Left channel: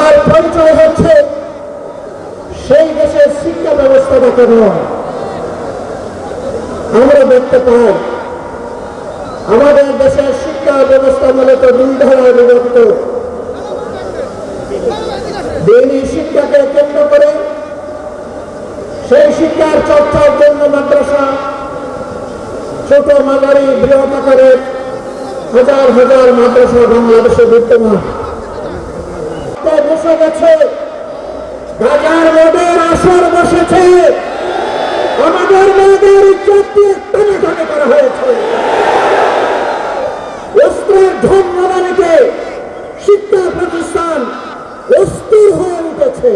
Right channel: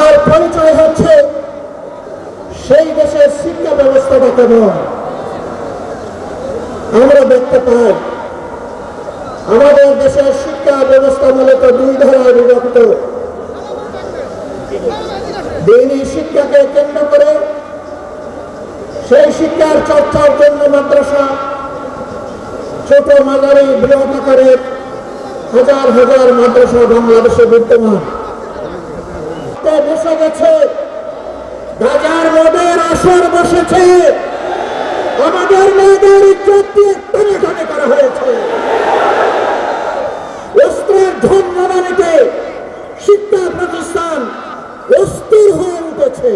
আমাদের পরিচয় হচ্ছে সেই দেশের শিক্ষা ব্যবস্থাটা কেমন। আমরা দেখতে পাই আমাদের দেশের শিক্ষা ব্যবস্থা মূলত দুই ধারায় বিভক্ত। দিনী শিক্ষাকে কেন্দ্র করে সেই শিক্ষার চর্চার জন্য মাদ্রাসা, ছোট মাঝারি বৃহৎ আকারের হাজার হাজার মাদ্রাসা বাংলাদেশে বিদ্যমান। বসে গেছে বাজার মোড়ের আসর বসেছে, আমাদের মেয়েদের ইজ্জত দিয়ে টানাটানি করা হয়েছে। অস্ত্রের ঝনঝনানিতে শিক্ষা প্রতিষ্ঠান অস্থির হয়ে উঠেছে।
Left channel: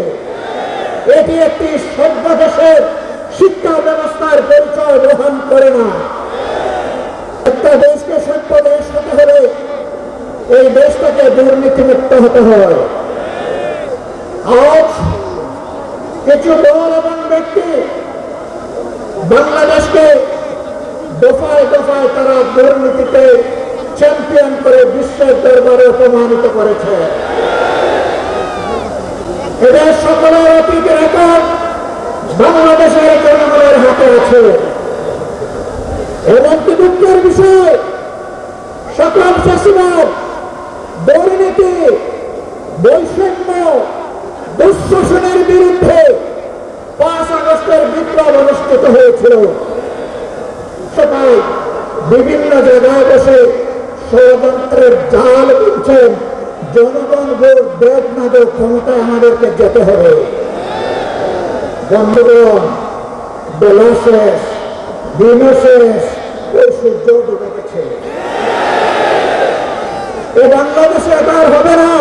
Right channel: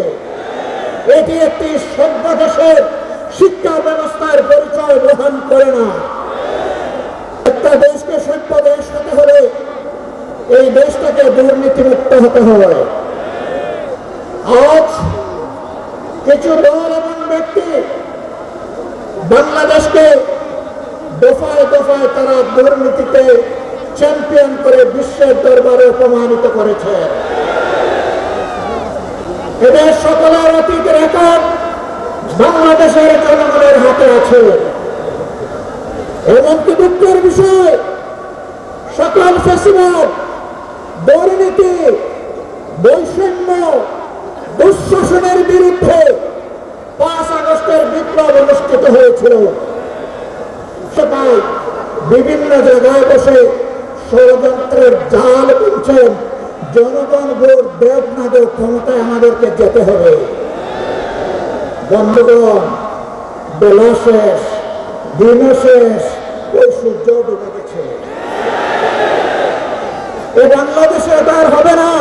এটি একটি সভ্য দেশের শিক্ষা ব্যবস্থার পরিচয় বহন করে না। একটা দেশকে সভ্য দেশ হতে হলে এই দেশটাকে দুর্নীতিমুক্ত হতে হয়। আজ কিছু দল এবং ব্যক্তি বাংলাদেশকে দফায় দফায় তারা দুর্নীতিতে চ্যাম্পিয়ন করে বিশ্বের দরবারে প্রমাণিত করেছে। এদের সকলের অতীত রেকর্ড বাংলাদেশের জনগণের হাতে আছে। এমনকি দুঃখের বিষয়, সকল ফেসিবাদ, দুর্নীতি, বৈষম্য, দুঃশাসনের বিরুদ্ধে 5 আগস্টের বিপ্লব অনুষ্ঠিত হয়েছিল। সবাই বিভিন্ন জায়গায় বসে ষড়যন্ত্রের জাল বুনছেন। জনগণ ভোট না দেয়, ক্ষমতা আমাদেরকে যেতে হবে। বন্ধুগণ, বেলা শেষ, দিনও শেষ, ওই সূর্য ডুবে গেছে। এ বাংলাদেশে এটা আর হবে না।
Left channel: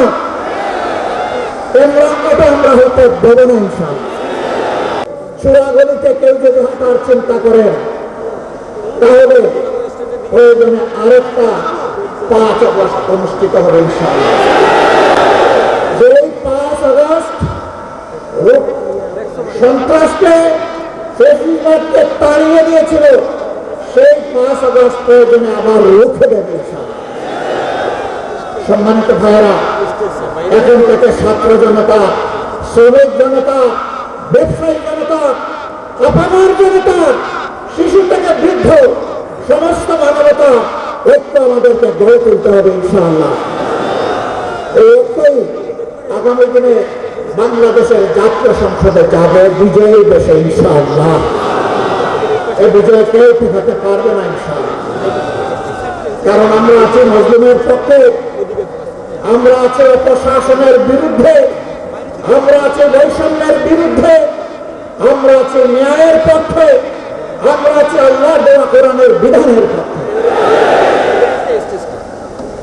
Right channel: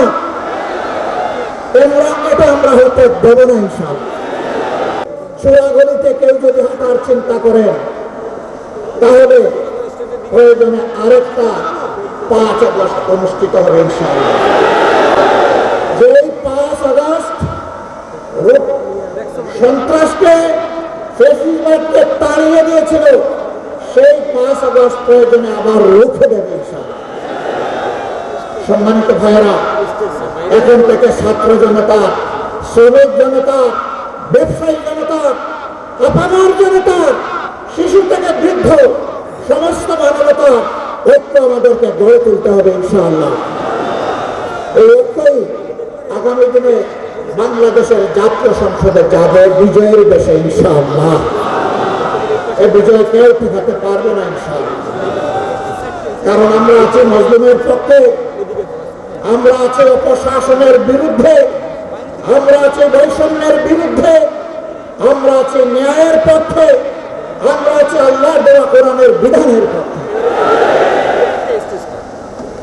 এটা আমরা হতে দেব না। চূড়াগুলিতে কেউ যদি হাঁটার চিন্তা করেন তাহলে প্রয়োজনে আরেকটা 5 আগস্ট অনুষ্ঠিত হবে ইনশাআল্লাহ। যে 5 আগস্ট সন্ত্রাসকে, ফ্যাসিবাদকে তাড়িয়ে দিয়েছিল, সেই 5 আগস্ট প্রয়োজনে আবার রুখে দেবে ইনশাআল্লাহ। সম্মানিত ভাইয়েরা, এখন থেকে ছাত্র জনতা, শ্রমিক জনতা, ব্যবসায়ী জনতা, আপামর জনতা, শিশু থেকে বৃদ্ধ, সমস্ত মানবতা ঐক্য আমাদেরকে গড়ে তুলতে হবে ইনশাআল্লাহ। এই ঐক্যই আগামী দিনে বাংলাদেশের জাতীয় সংসদে যাবে বিজয়ী দেশে ইনশাআল্লাহ। এই বিজয় কেউ ঠেকাতে পারবে না ইনশাআল্লাহ। কারণ আমরা আছি মজলুমের পক্ষে, আমরা আছি অপশাসনের বিরুদ্ধে, আমরা আছি বৈষম্যের বিরুদ্ধে, আমরা আছি ন্যায়ের পক্ষে, আমরা আছি আল্লাহর দেওয়া কোরআনের বিধানের পক্ষে।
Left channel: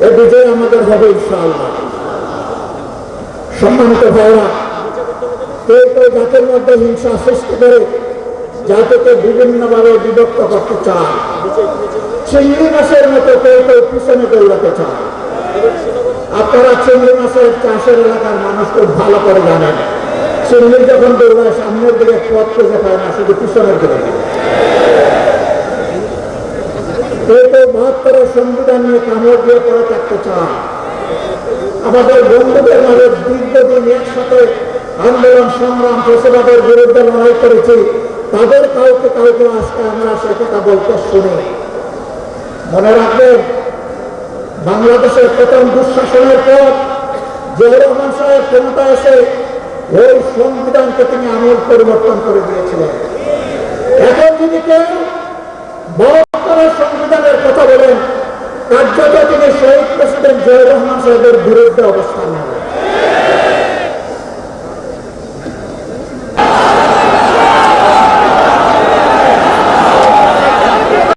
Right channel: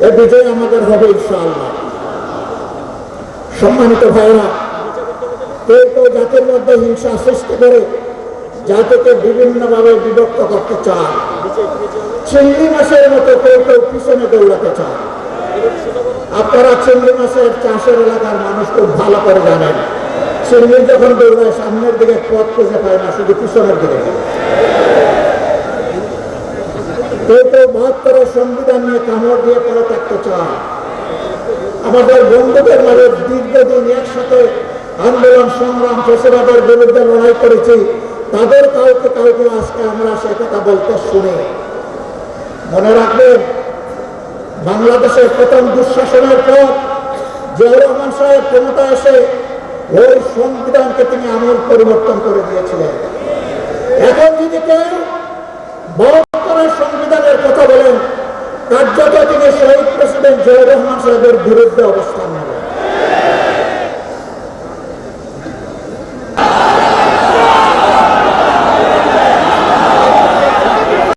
এই বিজয় আমাদের হবে ইনশাআল্লাহ। সম্মানিত ভাইরা, কেউ কেউ জাতির মধ্যে হিংসা সৃষ্টি করে জাতিকে বিভিন্নভাবে বিভক্ত করতে চায়। চিংড়ি মাছের মতো কেউ কেউ পিছনে দৌড়াতে চায়। আপনারা চিংড়ি মাছের চাষের এলাকার মানুষ খুব ভালো করে জানেন, চিংড়ি যখন দৌড়ায় সামনের দিকে পথ খুঁজে পায় না, শুধু পিছনের দিকে। কেউ কেউ 72 সংবিধান নিয়ে কামড় দিয়ে পড়ে থাকতে চায়। আমাদের বন্ধুদের মাঝে দীর্ঘদিন একসাথে আন্দোলন সংগ্রাম ফেসিবাদের বিরুদ্ধে লড়াই করেছি, তাদের কাউকে কাউকে আজকে আমরা সে কথা বলতে শুনি। মনে রাখবেন, বাংলাদেশের প্রথম দুঃশাসনের পর জিয়াউর রহমান সাহেব ক্ষমতা এসে ওই সংবিধানকে তিনি আমল পরিবর্তন করে দিয়েছিলেন। এখন যদি কেউ 72 সংবিধানের কথা বলেন, কার্যত তিনি শহীদ প্রেসিডেন্ট জিয়াউর রহমান সাহেবের বিরুদ্ধে অবস্থান